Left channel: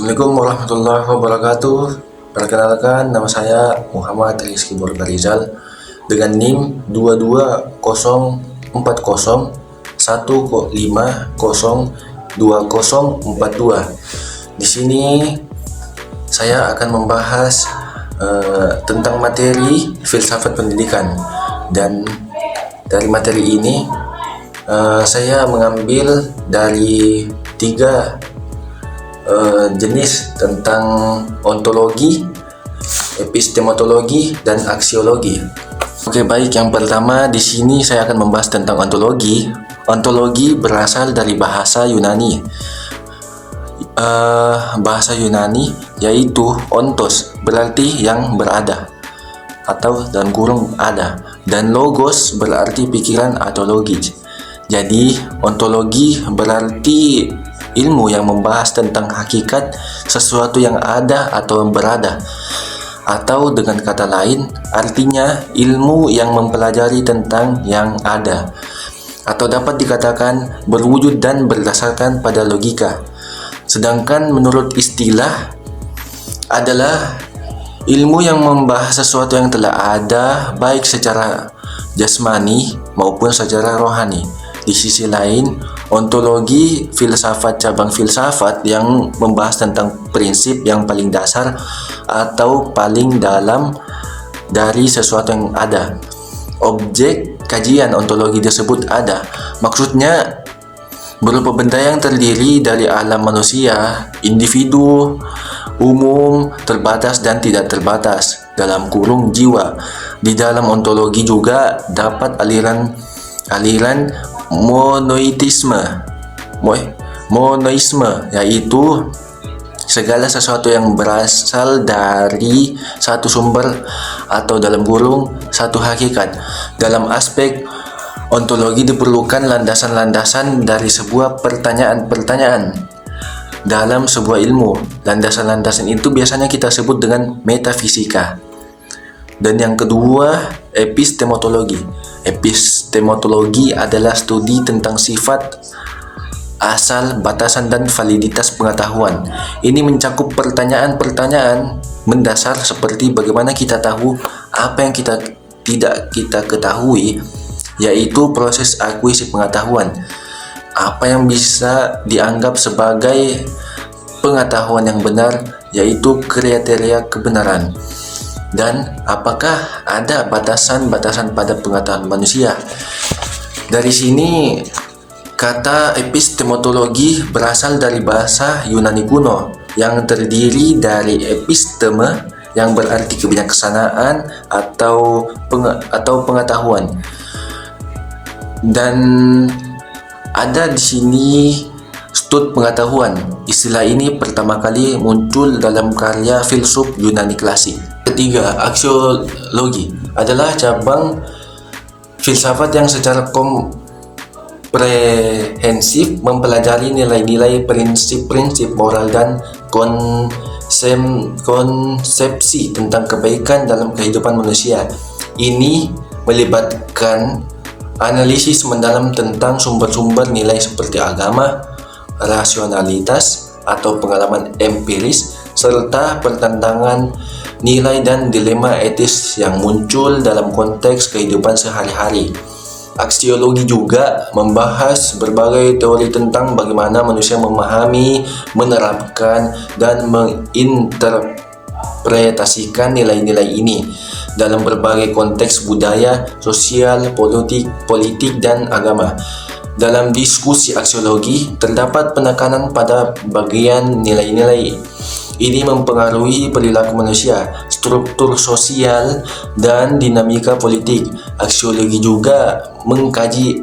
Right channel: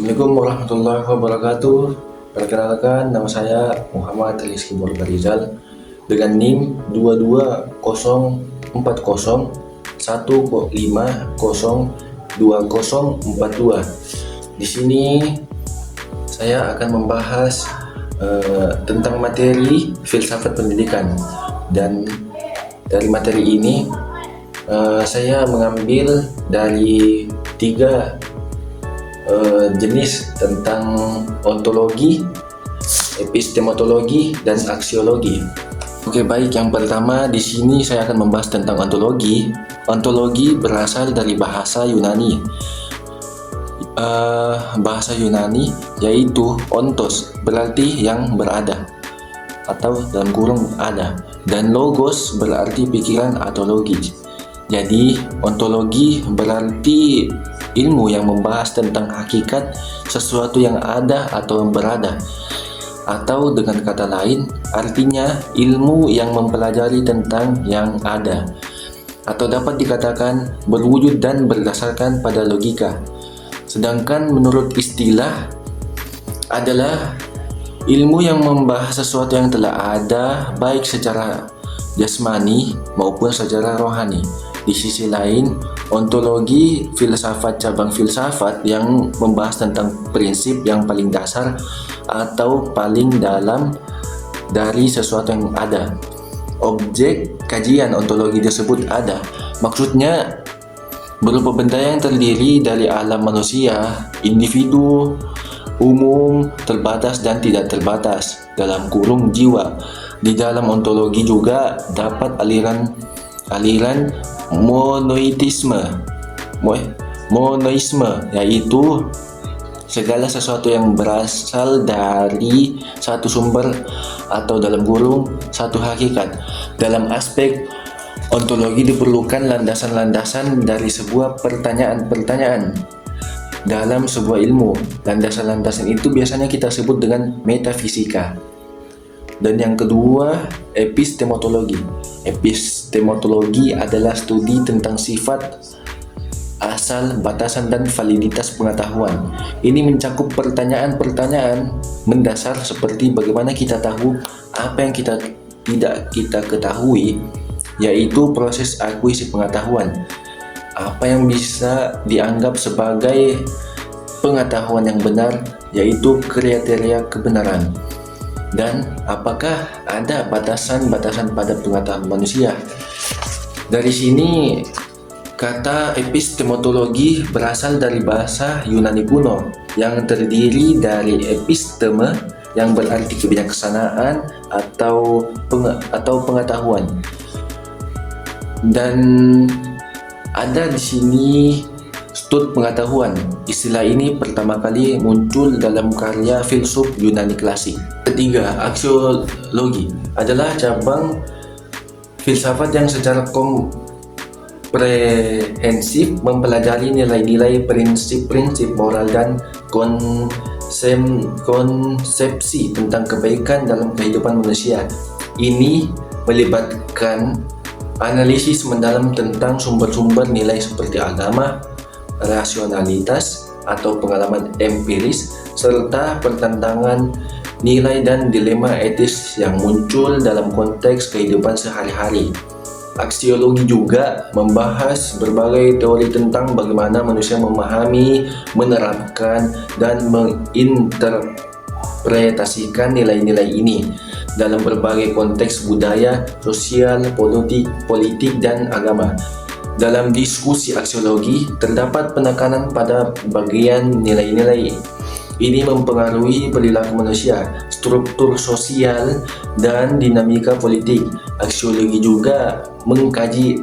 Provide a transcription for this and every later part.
Assalamualaikum warahmatullahi wabarakatuh. Perkenalkan, nama saya Muhammad Rizky Rizal dengan NIM 2204015202042. Di sini saya akan membahas tentang materi filsafat pendidikan, dan dari materi ini saya mengambil dari tiga jenis tentang ontologi, epistemologi, dan aksiologi. Oke, baik. Yang pertama di sini saya akan membahas tentang ontologi. Ontologi berasal dari bahasa Yunani. Bahasa Yunani yaitu ontos, berarti yang berada atau dalam kurung ada, dan logos berarti pikiran atau logis. Jadi ontologi berarti ilmu yang membahas tentang hakikat sesuatu yang ada atau berada, atau dengan kata lain artinya ilmu yang mempelajari tentang yang ada, atau dapat dikatakan berwujud dan berdasarkan pada logika. Sedangkan menurut istilah adalah ilmu yang membahas sesuatu yang telah ada baik secara jasmani maupun secara rohani. Di sisi lain, ontologi filsafat cabang filsafat yang membahas tentang prinsip yang paling dasar atau paling dalam dari sesuatu yang ada. Objek kajian ontologi tersebut ada, maksudnya berupa benda yang terdiri dari alam manusia, individu, umum, terbatas dan tidak terbatas, dalam kurung jiwa. Di dalam ontologi juga dapat aliran monoisme, yaitu segala sesuatu yang berasal dari satu sumber atau dalam kurung satu hakikat. Dalam aspek ontologi diperlukan landasan-landasan dari sebuah pertanyaan-pertanyaan dalam sebuah ilmu. Landasan-landasan itu biasanya kita sebut dengan metafisika. Dan yang kedua, epistemologi. Epistemologi adalah studi tentang sifat, asal, batasan, dan validitas pengetahuan. Ini mencakup pertanyaan-pertanyaan mendasar seperti bagaimana kita tahu apa yang tidak kita ketahui, yaitu proses akuisisi pengetahuan. Apa yang bisa dianggap sebagai pengetahuan yang benar, yaitu kriteria kebenaran. Dan apakah ada batasan-batasan pada pengetahuan manusia? Dari sini kata epistemologi berasal dari bahasa Yunani kuno yang terdiri dari episteme yang berarti kebijaksanaan atau pengetahuan. Dan ada di sini stud pengetahuan. Istilah ini pertama kali muncul dalam karya filsuf Yunani klasik. Ketiga, aksiologi adalah cabang filsafat yang secara komprehensif mempelajari nilai-nilai, prinsip-prinsip moral dan konsepsi tentang kebaikan dalam kehidupan manusia. Ini melibatkan analisis mendalam tentang sumber-sumber nilai seperti agama, rasionalitas atau pengalaman empiris, serta pertentangan nilai dan dilema etis yang muncul dalam konteks kehidupan sehari-hari. Aksiologi juga membahas berbagai teori tentang bagaimana manusia memahami, menerapkan, dan menginterpretasikan nilai-nilai ini dalam berbagai konteks budaya, sosial, politik, dan agama. Dalam diskusi aksiologi, terdapat penekanan pada bagian nilai-nilai. Ini mempengaruhi perilaku manusia, struktur sosial, dan dinamika politik. Aksiologi juga mengkaji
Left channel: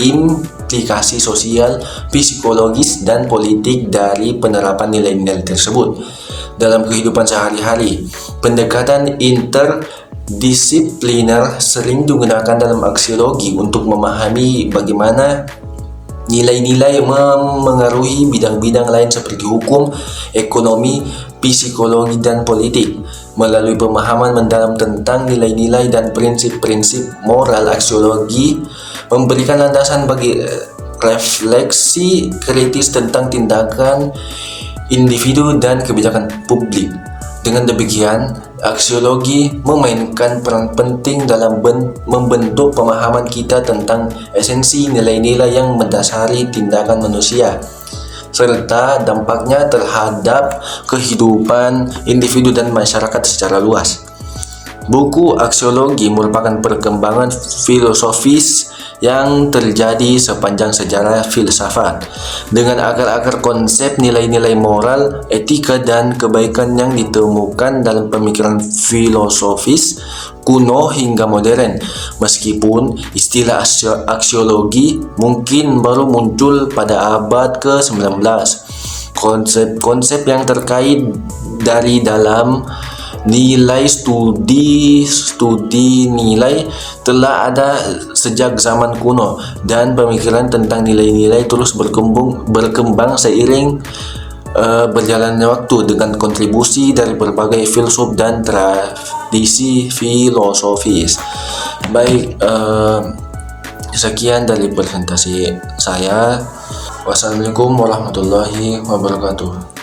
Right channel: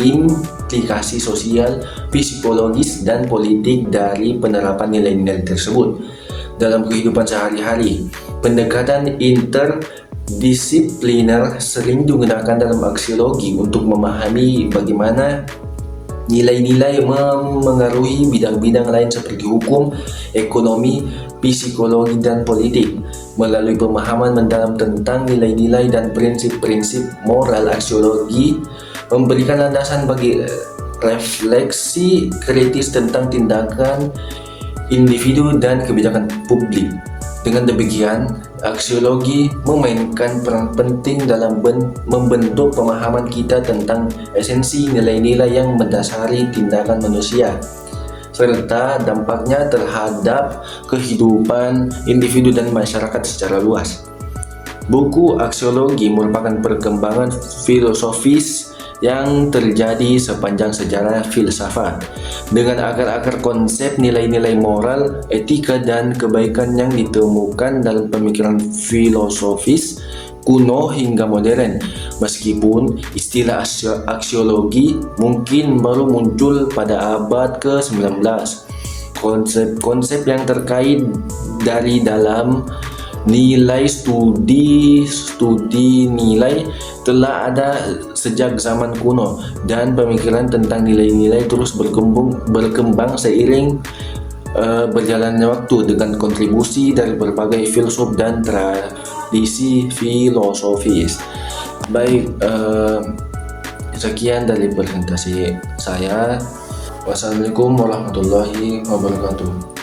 implikasi sosial, psikologis, dan politik dari penerapan nilai-nilai tersebut dalam kehidupan sehari-hari. Pendekatan interdisipliner sering digunakan dalam aksiologi untuk memahami bagaimana nilai-nilai memengaruhi bidang-bidang lain seperti hukum, ekonomi, psikologi, dan politik. Melalui pemahaman mendalam tentang nilai-nilai dan prinsip-prinsip moral, aksiologi memberikan landasan bagi refleksi kritis tentang tindakan individu dan kebijakan publik. Dengan demikian, aksiologi memainkan peran penting dalam membentuk pemahaman kita tentang esensi nilai-nilai yang mendasari tindakan manusia, serta dampaknya terhadap kehidupan individu dan masyarakat secara luas. Buku aksiologi merupakan perkembangan filosofis yang terjadi sepanjang sejarah filsafat, dengan akar-akar konsep nilai-nilai moral, etika, dan kebaikan yang ditemukan dalam pemikiran filosofis kuno hingga modern. Meskipun istilah aksiologi mungkin baru muncul pada abad ke-19, konsep-konsep yang terkait dari dalam nilai studi nilai telah ada sejak zaman kuno, dan pemikiran tentang nilai-nilai terus berkembang seiring berjalannya waktu dengan kontribusi dari berbagai filsuf dan tradisi filosofis. Baik, sekian dari presentasi saya. Wassalamualaikum warahmatullahi wabarakatuh.